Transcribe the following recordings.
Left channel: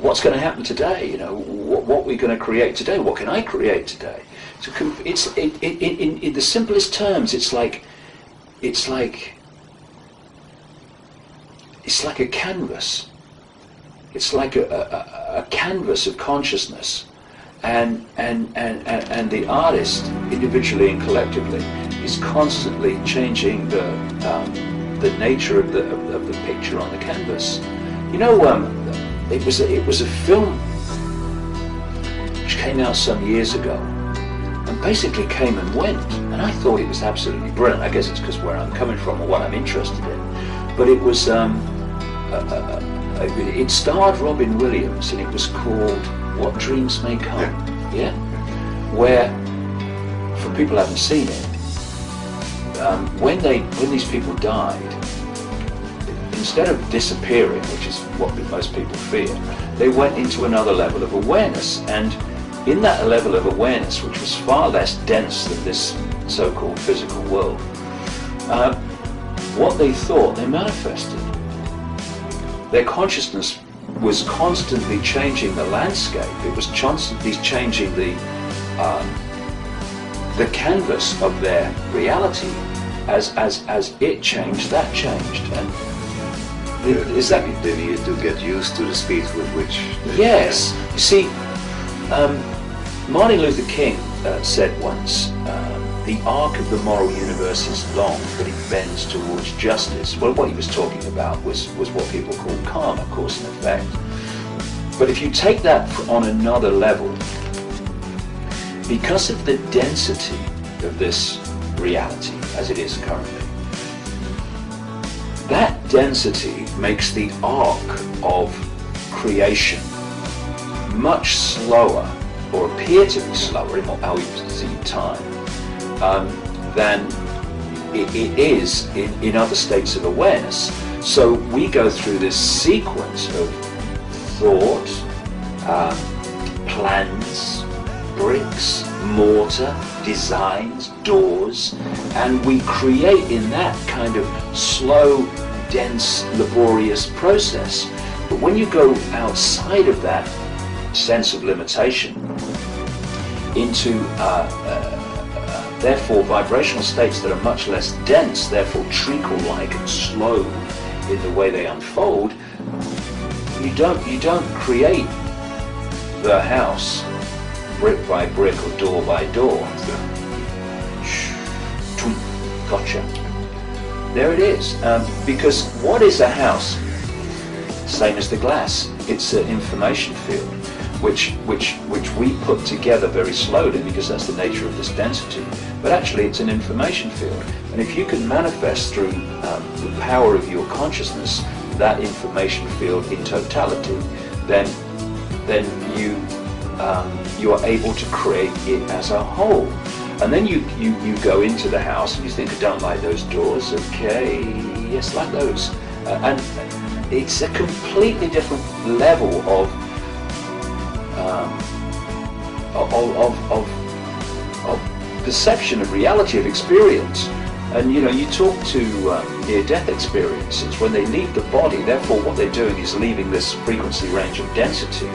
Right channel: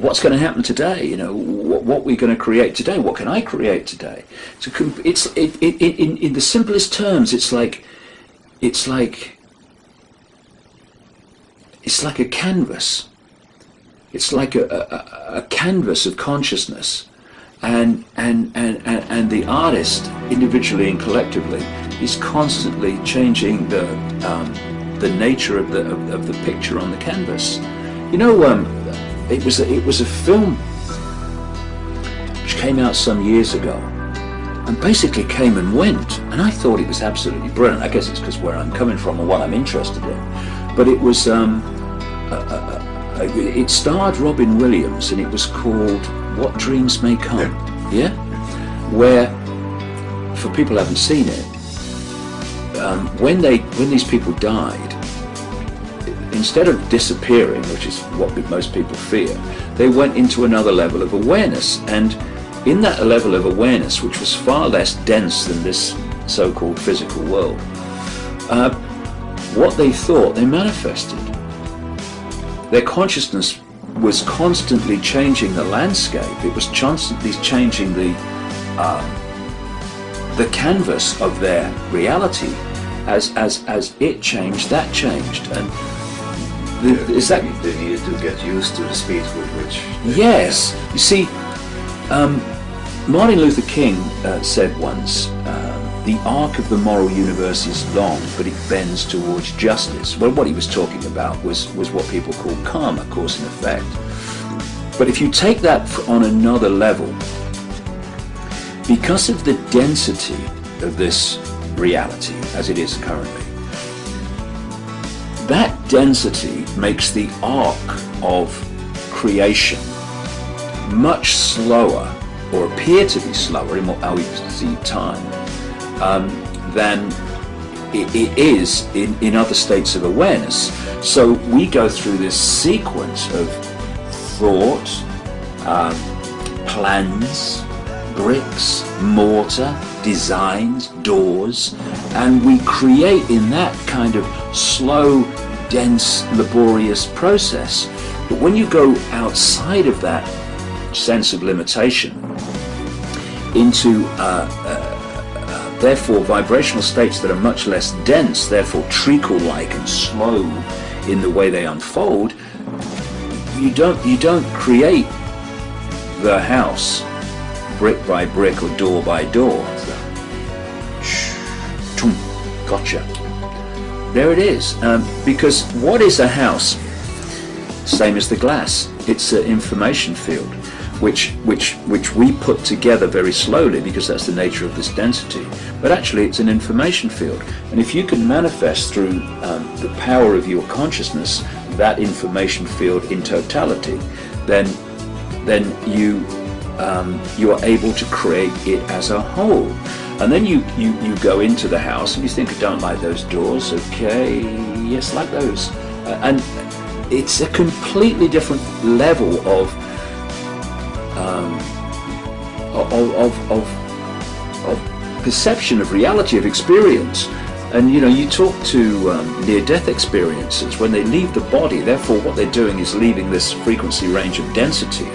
what's going to happen today? You know, what we're going to create today? What can I create today? So in the simplest terms, it's like a canvas. It's like a canvas of consciousness, and the artist, individually and collectively, is constantly changing the nature of the picture on the canvas. You know, it was a film which came out some years ago, and basically came and went, and I thought it was absolutely brilliant. I guess it's because where I'm coming from and what I'm interested in. But it was it starred Robin Williams, and it was called What Dreams May Come. Yeah, where, for people who haven't seen it, when these people died, instead of disappearing, which is what most people fear, they went into another level of awareness, and in that level of awareness, which was far less dense than this so-called physical world, what they thought, they manifested. Their consciousness was constantly changing the landscape. It was constantly changing the canvas of their reality. As it changed, that changed, and they needed to get used to the speed with which. Yes, you see, Martin Luther King said once, "The arc of the moral universe is long, but it bends towards justice." Well, what he was talking about was what people call karma, cause and effect. But if you take that on another level, because of the density of this reality as it is currently, that density makes the arc of creation much slower, or appear to be slower in how we see time, than it is in other states of awareness. So we go through this sequence of thought, plans, bricks, mortar, designs, doors, and we create in that kind of slow, dense, laborious process. But when you go outside of that sense of limitation into therefore vibrational states that are much less dense, therefore treacle-like and slow in the way they unfold, you don't create the house brick by brick or door by door. Gotcha. There it is. Because what is a house? Same as the glass. It's an information field, which we put together very slowly because that's the nature of this density. But actually, it's an information field. And if you can manifest through the power of your consciousness that information field in totality, then you are able to create it as a whole. And then you go into the house and you think, I don't like those doors. Okay, yes, like those. And it's a completely different level of perception of reality, of experience. And you know, you talk to near-death experiencers, when they leave the body, therefore what they're doing is leaving this frequency range of density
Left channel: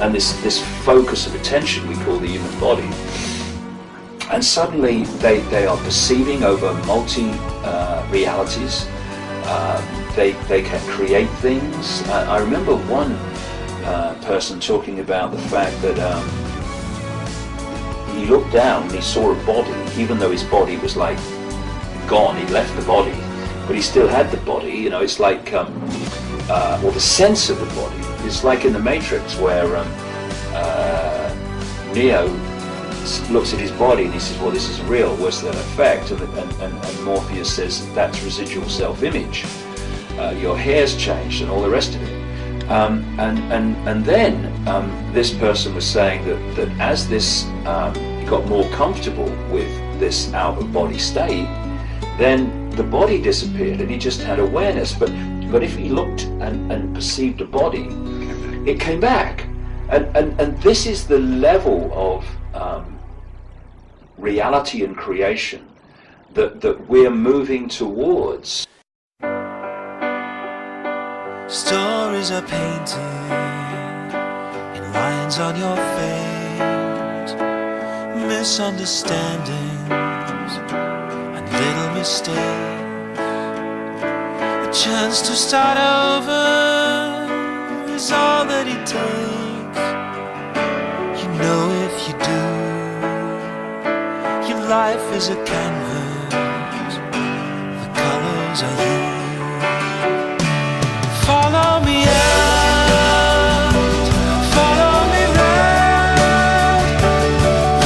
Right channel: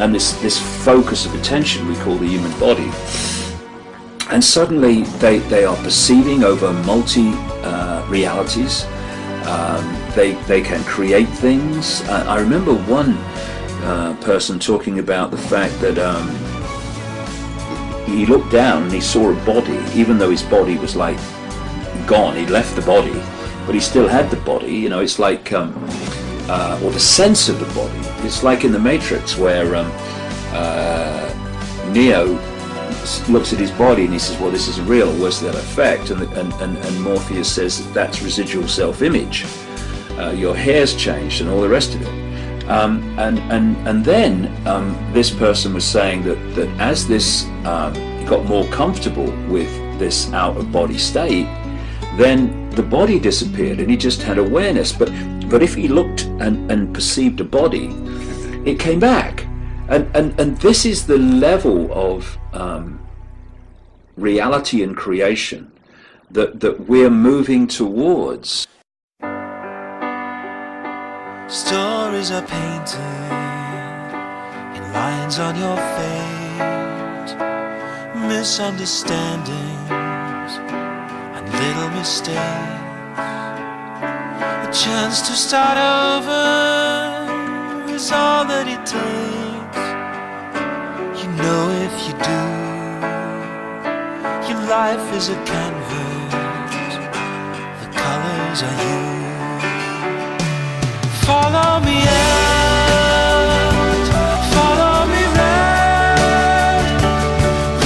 and this focus of attention we call the human body. And suddenly they are perceiving over multi-realities. They can create things. I remember one person talking about the fact that he looked down and he saw a body, even though his body was like gone, he'd left the body, but he still had the body. You know, it's like, or the sense of the body. It's like in the Matrix where Neo looks at his body and he says, well, this is real, where's that effect? And Morpheus says that's residual self-image. Your hair's changed and all the rest of it. And then this person was saying that as this he got more comfortable with this out-of-body state, then the body disappeared and he just had awareness. But if he looked and perceived a body, it came back. And this is the level of reality and creation that we're moving towards. Stories are painted lines on your face, misunderstandings and little mistakes. A chance to start over is all that it takes. You know if you do, your life is a canvas, the colors are you. Follow me out, follow me round.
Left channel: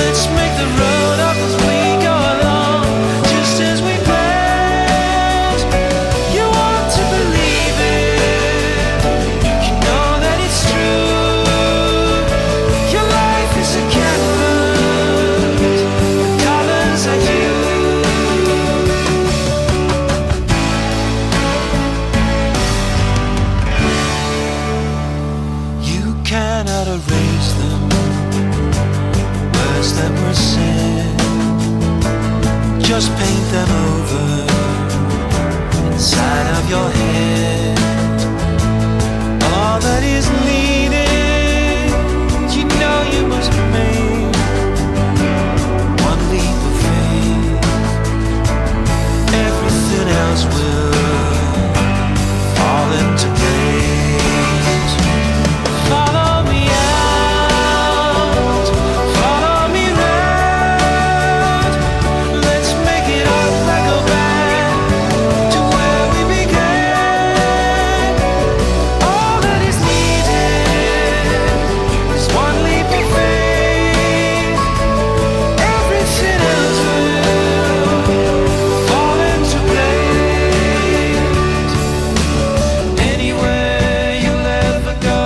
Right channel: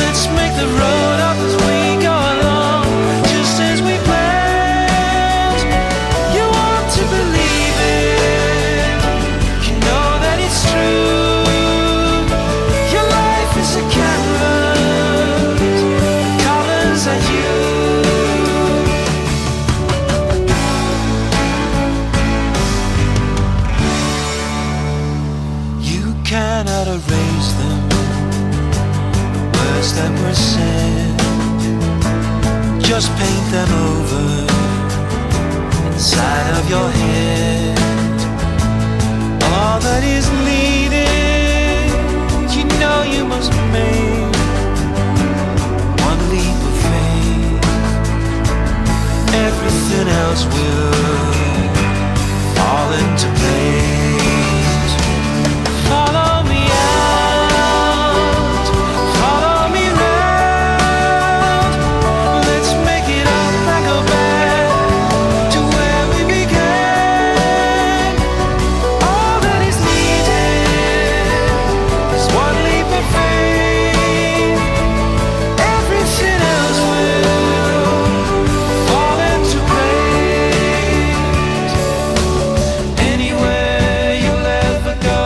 Let's make the road up as we go along, just as we planned. You want to believe it, you know that it's true. Your life is a canvas, the colors are you. Cannot erase them, the words that were said. Just paint them over inside of your head. All that is needed, you know you must make one leap of faith. Everything else will fall into place. Follow me out, follow me round. Let's make it up and go back to where we began. All that is needed is one leap of faith. Everything else will fall into place. Anywhere you'll ever go,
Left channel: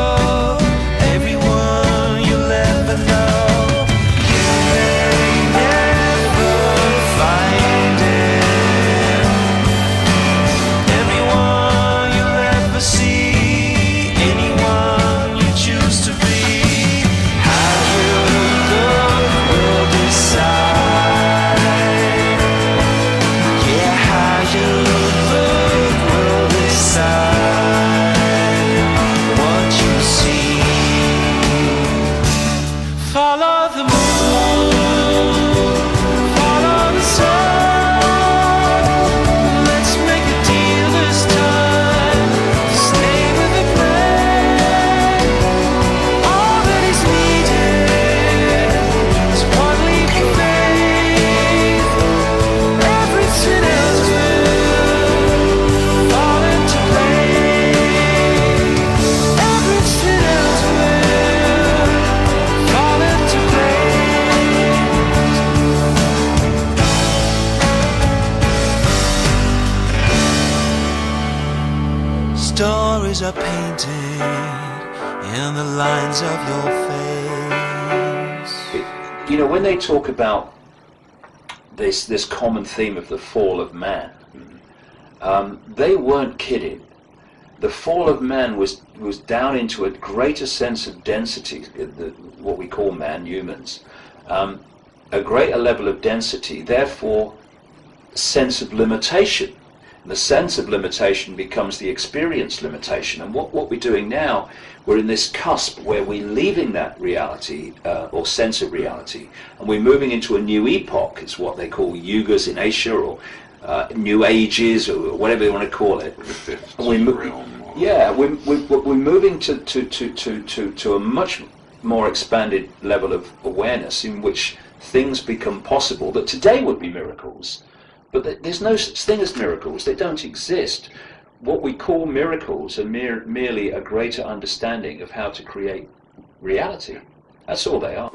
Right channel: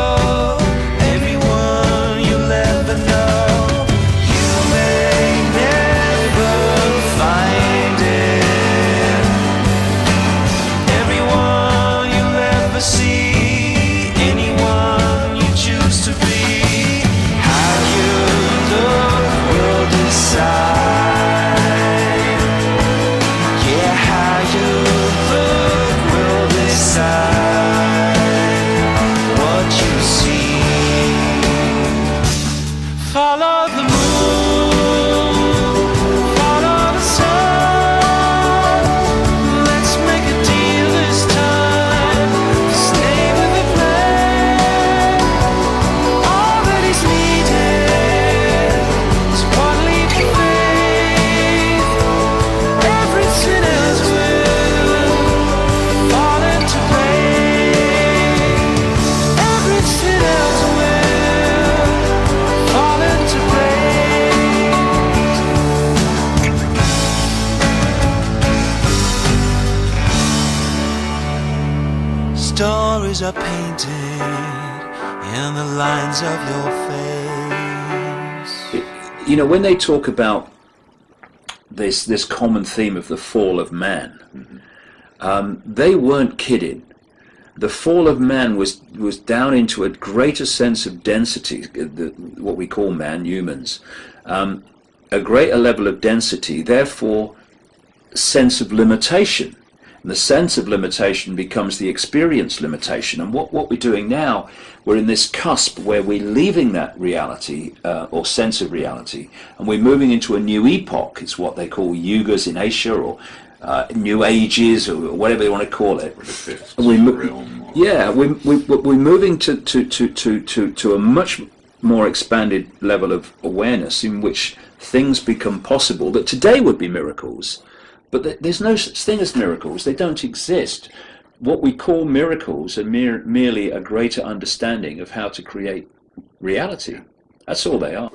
follow the moon, follow the sun. Let's make a deal this time to stay with the plan. All that is needed is one leap of faith. Everything else will fall into place. Everything else will fall into place. Stories are painted in the lines of your face. You know, when they talk about this common theme of the fall of man, they weren't kidding. The fall of man was down into a greater sense of density, what we call man, humans, a greater level of density, therefore sense of limitation. And the sense of limitation becomes the experience limitation. And what we're doing now, we're in this cusp where we're leaving that reality or sense of reality, and we're moving into a new epoch. It's what they call yugas in Asia, or new ages, or whatever you want to call it. And we're moving to a much more expanded level of awareness in which things become possible that today would be miracles. But there's no such thing as miracles. They don't exist. What we call miracles are merely a greater understanding of how to create reality. That's all they are.